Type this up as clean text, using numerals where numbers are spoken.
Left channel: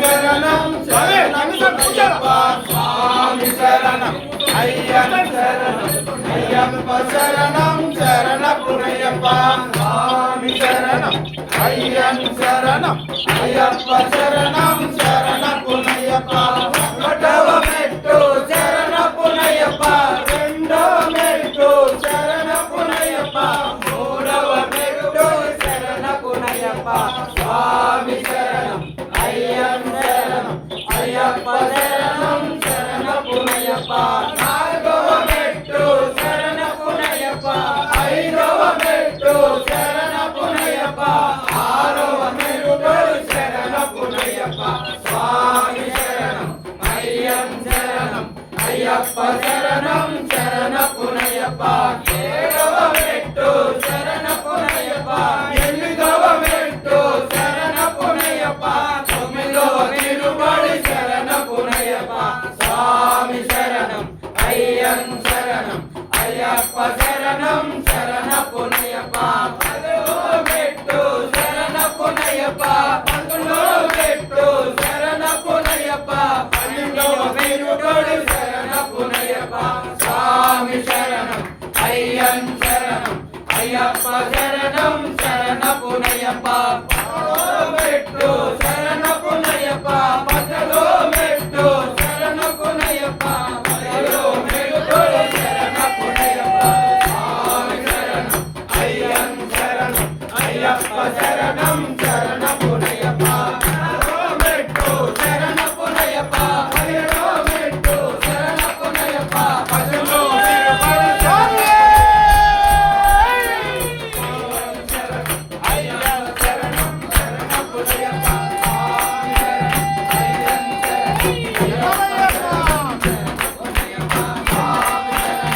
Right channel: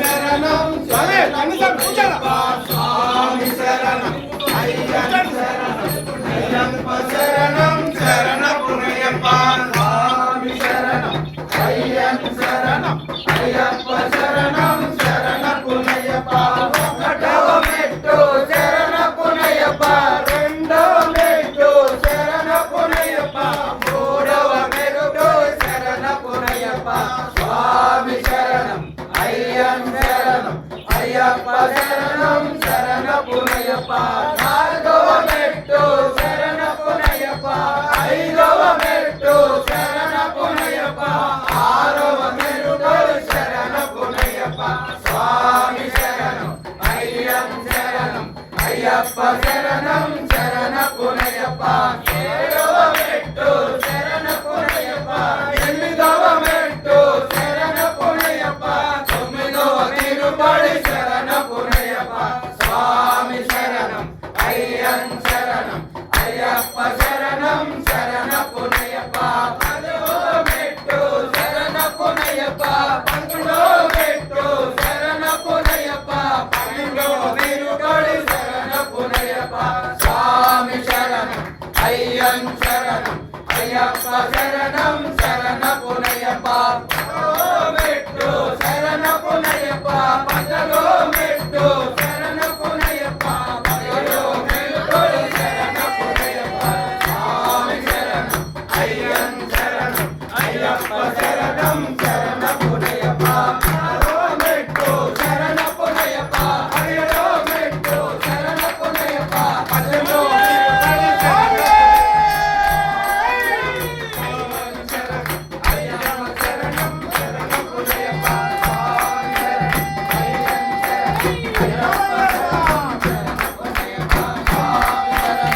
శరణం శరణయ్యప్ప స్వామి శరణం అయ్యప్ప శరణం శరణపునయ్యప్ప స్వామి శరణం అయ్యప్ప శరణం అయ్యప్ప శరణం శరణపునయ్యప్ప ఒకటవ మెట్టు శరణపునయ్యప్ప రెండవ మెట్టు శరణపునయ్యప్ప మూడవ మెట్టు శరణపునయ్యప్ప స్వామి శరణం అయ్యప్ప శరణం అయ్యప్ప శరణం శరణపునయ్యప్ప నాలుగవ మెట్టు శరణపునయ్యప్ప ఐదవ మెట్టు శరణపునయ్యప్ప ఆరవ మెట్టు శరణపునయ్యప్ప స్వామి శరణం అయ్యప్ప శరణం అయ్యప్ప శరణం శరణపునయ్యప్ప ఏడవ మెట్టు శరణపునయ్యప్ప ఎనిమిదవ మెట్టు శరణపునయ్యప్ప తొమ్మిదవ తిరుమడి శరణపునయ్యప్ప స్వామి శరణం అయ్యప్ప శరణం అయ్యప్ప శరణం శరణపునయ్యప్ప పదవ మెట్టు శరణపునయ్యప్ప పదకొండవ మెట్టు శరణపునయ్యప్ప పన్నెండవ తిరుమడి శరణపునయ్యప్ప స్వామి శరణం అయ్యప్ప శరణం అయ్యప్ప శరణం శరణపునయ్యప్ప